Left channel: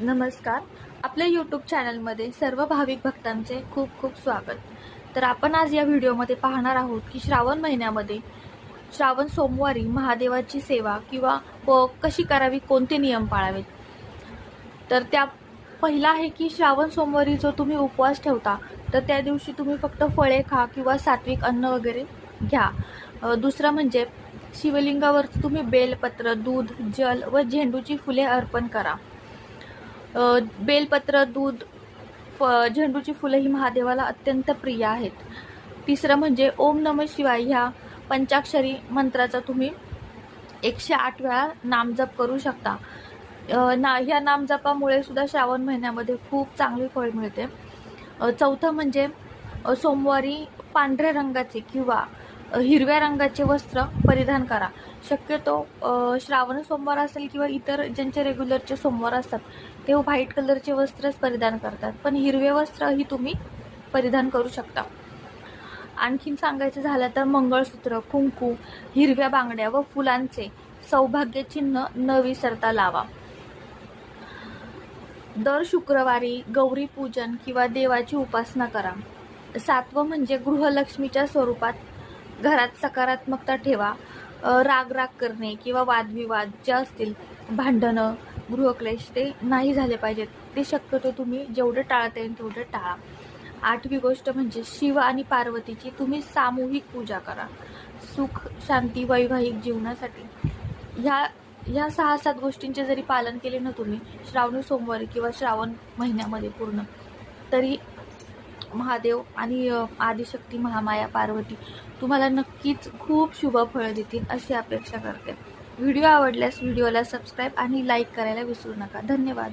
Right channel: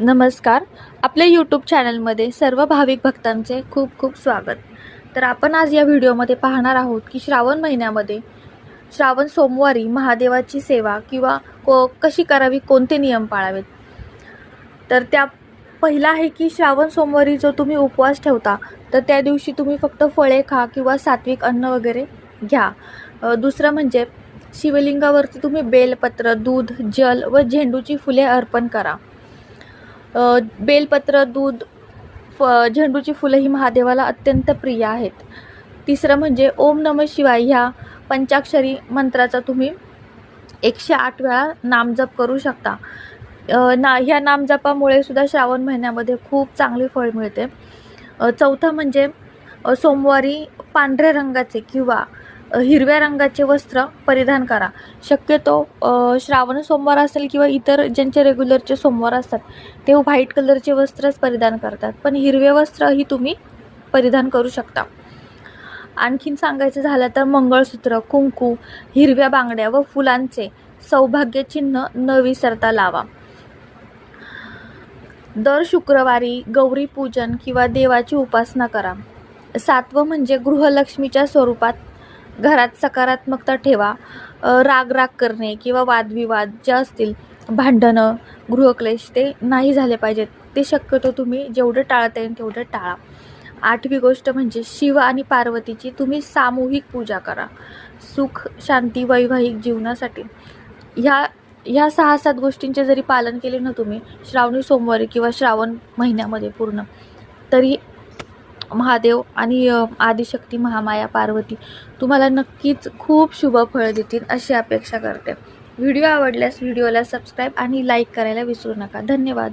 नमस्कार. आपल्या यूट्यूब चॅनलमध्ये सर्व भाविक भक्तांचे खूप खूप स्वागत. तर आपण आज या व्हिडिओमध्ये पाहणार आहोत की श्रावण महिन्यामध्ये श्रावण सोमवारी महादेवाची सेवा किंवा कशी करावी, कोणते नियम पाळावेत. तर त्या पहिला आहे की श्रावण सोमवारी जो तुम्ही उपवास ठेवता तर त्या दिवशी तुम्ही फक्त फळे खा किंवा सात्विक अन्न वगैरे घ्या. दुसरं म्हणजे शिवलिंगावरती तुम्ही बेलपत्र, दूध, जल व झेंडूची फुले अर्पण करा. बेलपत्र, दूध, झेंडूची फुलं ही महादेवाला अत्यंत प्रिय आहेत. तिसरं म्हणजे ओम नमः शिवाय ह्या पंचाक्षरी मंत्राचा तुम्ही 108 वेळा नामजप करू शकता. ह्या नामजपामुळे सुद्धा श्रावण महिन्यामध्ये खूप चांगले फळ मिळते. चौथं म्हणजे सोमवारी पांढऱ्या रंगाचे किंवा हिरव्या रंगाचे वस्त्र परिधान करा. शक्यतो श्रावण सोमवार असेल किंवा इतर ज्यांचे रेग्युलरचे सोमवार असतात ते व्हाईट कलरचे वस्त्रच परिधान करतात, पण हिरवे वस्त्रही तुम्ही परिधान करू शकता. आणखीन सांगायचं झालं तर मंगळसूत्र, कुंकू, हिरव्या बांगड्या व फुलांचे सौभाग्य चिन्ह न विसरता लावा. दर शुक्रवारी गौरी पूजन किंवा देवाची उपासना करा. सातवं म्हणजे गृहलक्ष्मीच्या स्वरूपात घरात सकारात्मकता ठेवा. राग करणे किंवा वादविवाद जे असतील, भांडणं, गृहक्लेश ते नाही झाले पाहिजेत. ते शक्यतो तुम्ही जेवढं टाळता येईल तेवढं टाळा. आठवी गोष्ट म्हणजे शिव आणि पार्वतीची तुम्ही सामूहिक पूजा करा. सुख, शांती, वैवाहिक जीवनासाठी ह्या 6-7 गोष्टींचे जरी पालन केले ना तुम्ही श्रावणी सोमवारी किंवा श्रावण महिन्यामध्ये पूर्ण, तरी महादेव आणि आदिशक्ती महामाया पार्वती तुम्हाला नक्कीच खूप शुभ फळ देतील अशी अपेक्षा करते. व्हिडिओ आवडल्यास व्हिडिओला सबस्क्राईब आणि लाईक करायला विसरू नका. धन्यवाद.